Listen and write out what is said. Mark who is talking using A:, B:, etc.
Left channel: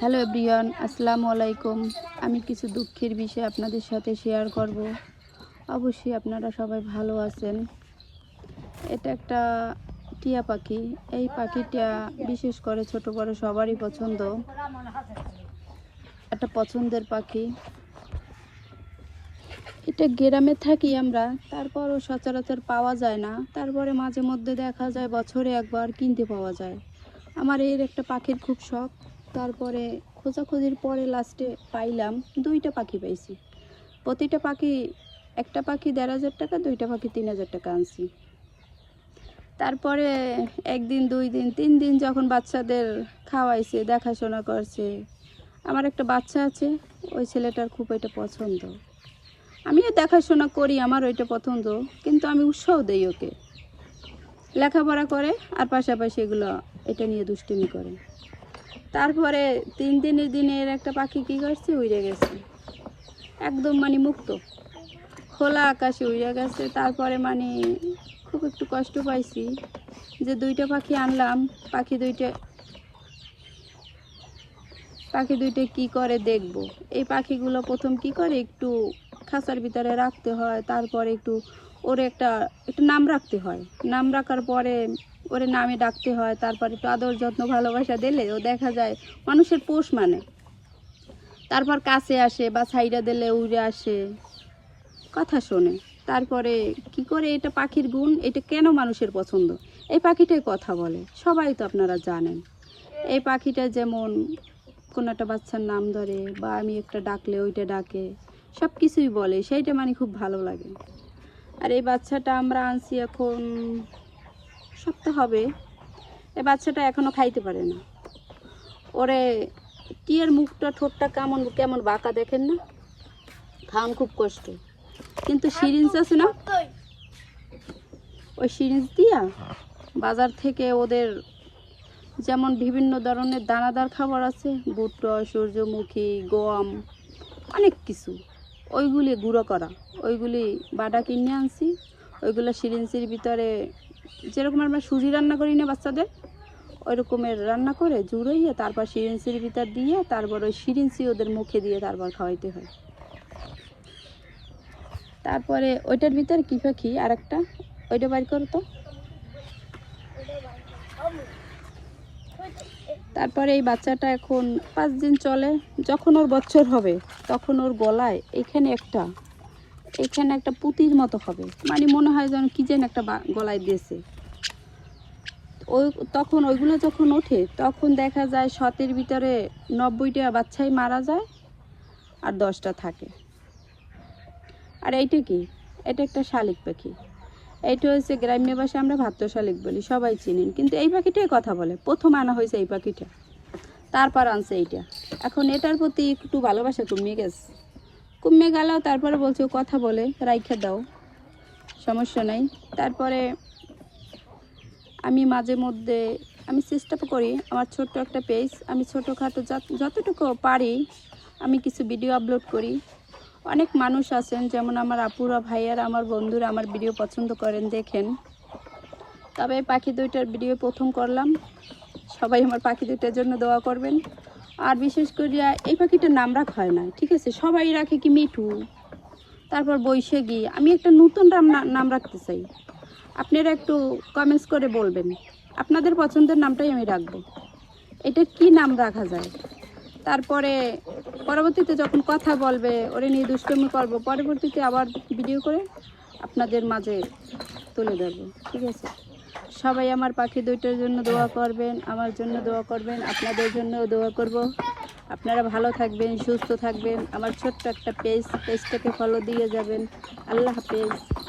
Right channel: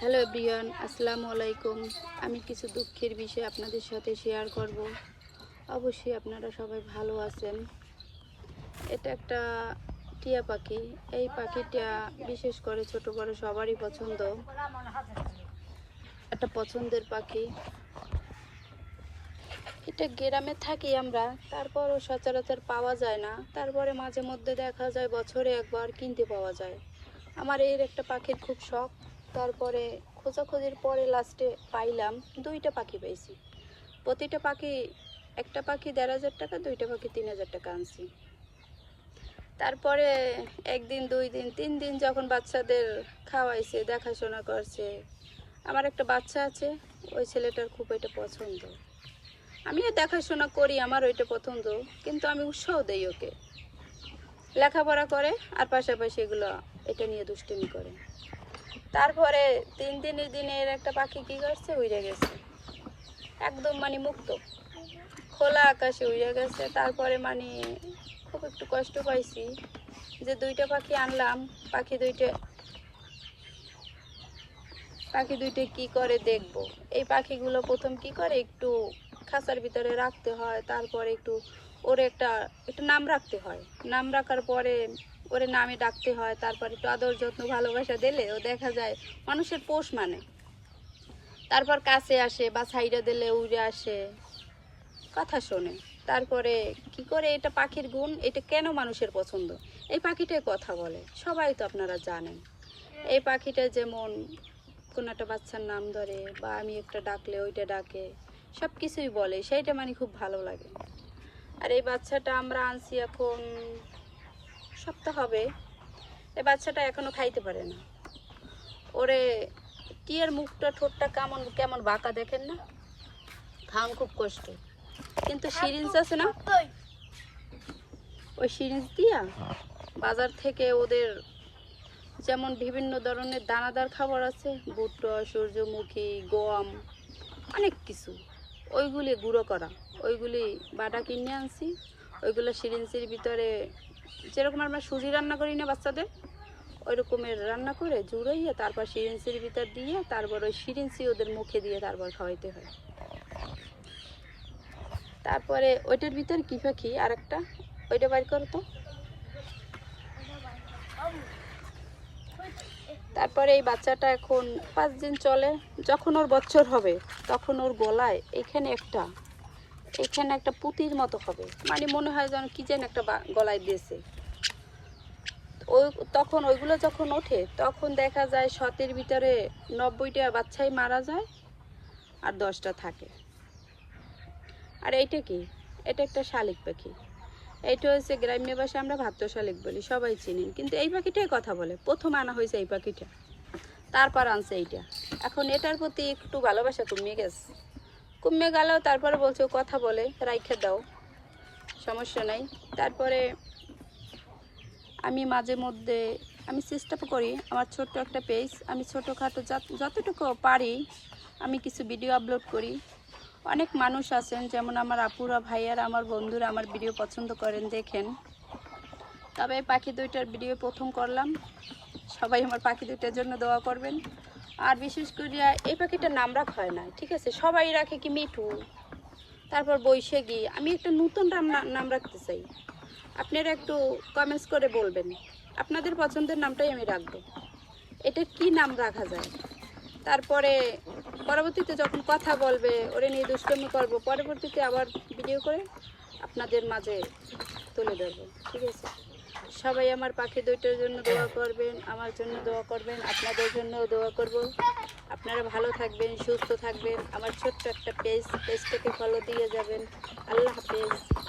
A: Hello everyone আসসালামু আলাইকুম। আমি কিছু দুঃখের বিষয় আপনাদের সাথে শেয়ার করব। অবশ্যই আপনারা সবাই ভালো আছেন। এটা একটা টিয়া পাখি। এই পাখিটা বিশেষ করে ছোট বড় সবারই পছন্দ। একটা পছন্দের পাখি। এটা গ্রামে থাকি আমরা, তারপরও সচরাচর পাওয়া যায় না। তারপরে মাঝে মধ্যে দেখা যায় বছরে একবার কিনতে পাওয়া যায়। আমার এর একটা পাখির খুব শখ। তারপরে খোঁজাখুঁজির পরে লাস্টে পাইলাম দুইটা পাখি পাইছি। প্রতিটা পাখি, একটা পাখি দেড় হাজার টাকা, দুইটা পাখি তিন হাজার টাকা আনছি। তারপরে একদিন, দুই দিন, তিন দিন যখন বাচ্চাদের খাওয়াইছে, দেখাশোনা করছে, আমার একটা বাচ্চা আছে, ওই ছেলেটার খুব এটা পছন্দ। আমিও দেখাশোনা করি, আমার ওইটা পছন্দ, কিন্তু আমি উৎসাহ দেই ওকে। লেখাপড়া করে, আর পাশাপাশি এগুলো এটা নিয়ে দুষ্টুমি করে। তারপরে তিন দিনের দিনের একটা পাখি কি করছে উড়ে গেছে। একদম মানে মুক্ত। খোলা আকাশে উড়ে গেছে। তারপরে মানে খুব একটু কষ্ট পাইছি যে দুইটা পাখি আনলাম। পাখি দুইটা পাখি দুইটা কি করে দেখব? এই পাখিগুলো প্রথম কি করে? একটু খাঁচার ভিতরে রাখতে হয়। তারপরে একটু ওর একটা, একটু নাম রাখতে হয়। নাম রাখার পরে ওরে নামে ডাকতে হয়, তারপরে একটু আদর যত্ন, ভালোবাসা দিলে ও দেখা যায় মানুষের পোষ মানে। তারপর কাছে আসে বা সাইডা দিলে উড়ে আসে, কথা শোনে। তারপরে কি করে এটা পাখির গুণ? এটা কেন মানুষের পছন্দ? এই পাখিটাই কথা বলে, সবাই তো আপনারা জানেন। এই পাখিটা যেমন কোনো একটা বাচ্চার নাম ধরে বা আমি একটা ডাকলে ওইটা ডাকে সব কিছুই বলে, সেইটা মানে খুব ভালো লাগে। আর এই বাচ্চাটা আমরা আনছি এখন সপ্তাহ হবে। এ বাচ্চাটা এখনও খাইতে পারে না। ওরে টিয়ার মুখটা ঠোঁটটা কেমন কেমন বাঁকা দেখেন না? খাওয়ান খুব কষ্ট। কিন্তু সিরিঞ্জ আছে না? ওই সিরিঞ্জ দিয়া বাজার থেকে ওদের যেমন বিভিন্ন ধরনের দানাদার খাবার আছে ভুট্টা সূর্যমুখী গম অনেক কিছু। ওইগুলি গুঁড়ো করা। ওইগুলি বাটা কিনে আনছি। ওইগুলো সিরিঞ্জের ভিতরে যেরকম আমরা সুজি রান্না করি না বাচ্চাদের ওই রকমের রান্না করে জুড়াইয়ে তারপর সিরিঞ্চির ভিতর দিয়ে তারপর ওই সিরিঞ্জি ওদের মুখে দিয়ে তারপর খাওয়াইতে হয়। তারপরে ওইটার ভিতর কি পাখি আর একটা ওইটা বাইর করতো তারপরে এই বাচ্চাটা এখন পাঁচ দিন চলে, যখন ওর বছর হবে, তখন ওর গলায় এখানে একটা এখানে একটা পুঁতির মতো হবে। মানে মনে হয় যেন কি যেন একটা গলায় দিয়েছে। ওই, তখন ওইগুলো যখন ওঠে, তখন দেখা যায় শতের ভিতরে নব্বইটা বাচ্চাই মারা যায় আর দশটা থাকে। আর এইটা কি? এটা একটা শালিক পাখি। এইটা হচ্ছে গ্রাম্য ভাষায় আমরা ভাত্য শালিক বলি, সবাই চিনেন। কিন্তু এই পাখিটাই কথা বলে। প্রথম আনা হয়েছে এই পাখিটা। তারপর আনছে এইটা। এখন এটার প্রতি একটু ভালোবাসা কমে গেছে। কমে গেল, তারপরে বলছে, কথা বলে, রাইখে দাও, সমস্যা নাই। তারপরে আমি মাঝে মধ্যে, আমি চেষ্টা করি, আমার ছোট্ট একটা পেজ, আমি ছোটোখাটো যত- যতটুকু পারি, আমি কিছু ভিডিও আপলোড করি। অনেক মানুষ আছেন, যেমন আমার আপুরা, ভাইয়ার, আমার বন্ধুরা, আমার ভিডিও পছন্দ করেন, দেখেন। তবে পাখি দুইটার ভিডিও প্রথম করলাম। সবাই আমার পাখি দুইটার জন্য দোয়া করবেন। আর বিশেষ করে এই পাখিটার নাম রাখা হয় না, ঠিক আছে? সবাই রাখে কি মিঠু? তারপর বৈশাখী। আমি একটা নতুন নাম নাম রাখতে চাই। আপনারা একটু কমেন্টস করে বলবেন। আপনাদের পছন্দের নামটাই আমি রাখব। এটা কি নাম রাখা যায়? তারপরে পরবর্তীতে যখন কথা বলবে, ওরে নিয়ে দুষ্টমি করব, পরবর্তীতে আবার ভিডিও করে আপনাদের মাঝে তুলে ধরবো, ঠিক আছে? সবাই আমার পাখি দুইটার জন্য দোয়া করবেন, আমার জন্য দোয়া করবেন, আপনাদের জন্য দোয়া করব। আপনারা ভালো থাকবেন, সুস্থ থাকবেন। আমার ছোট্ট একটা পেজ, পেজটাকে ফলো দিয়ে যাবেন। আল্লাহ হাফেজ।